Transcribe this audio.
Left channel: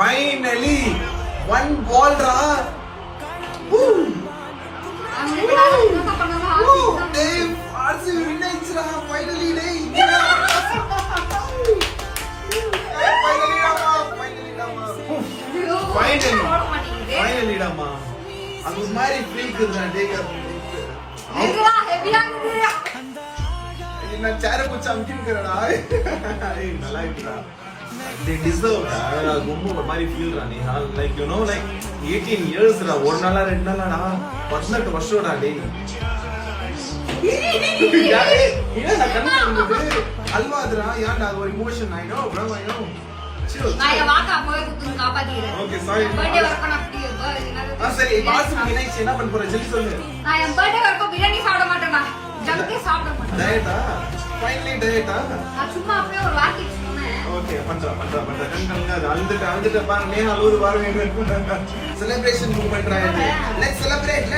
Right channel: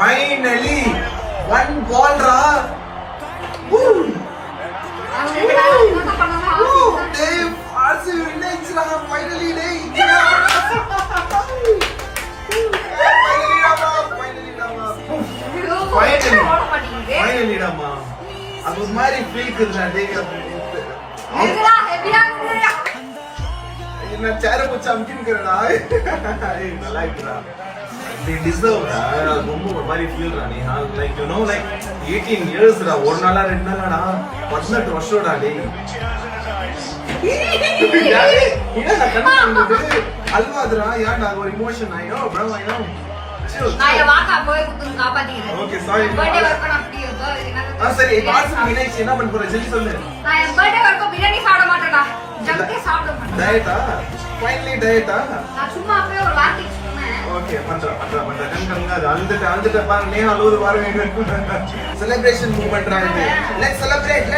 Finally, one ball ra. Woo! Hey, RCB wins ra. Finally, day. Finally, Rama. அது மாதிரி feel இருக்குடா என்ன சேர போச்சு அமுக்கிங்கறடா நல்லா இருக்குடா they deserve ரொம்ப ஒரு மாதிரி feel Rani like you know like 18 years டா ஒரு நாளா ரெண்டு நாளாடா 18 வருஷம்டா டேய் என்ன கண்ணு அல்வாதுடா ஏன்டா ஒரு emotion I know bro I know நான் வாக்க அப்பவே குத்து காப்பாத்திக்கிறேன் ஓகே சாரி பர்த்டே வர்க்கணும் அப்படி சரி பாஸ் மீனாட்சி என்ன பண்ண போற ஜெல்லி சொல்லு நான் என் பர்த்டே வர்க்கம் பிரியாணி சாப்பிட மாட்டேன்டா ஜங்கே சாப்பிட மாட்டேன் டயட்டா ஃபைனலி டயட்டா நான் சும்மா அப்படியே ஒரு வார்த்தை சொன்னேன் ஓகே பண்றேன் கண்கங்க அழுதுட்டு பாருங்க நீ அழுவுது பாருங்க celebration movement Rani let's celebrate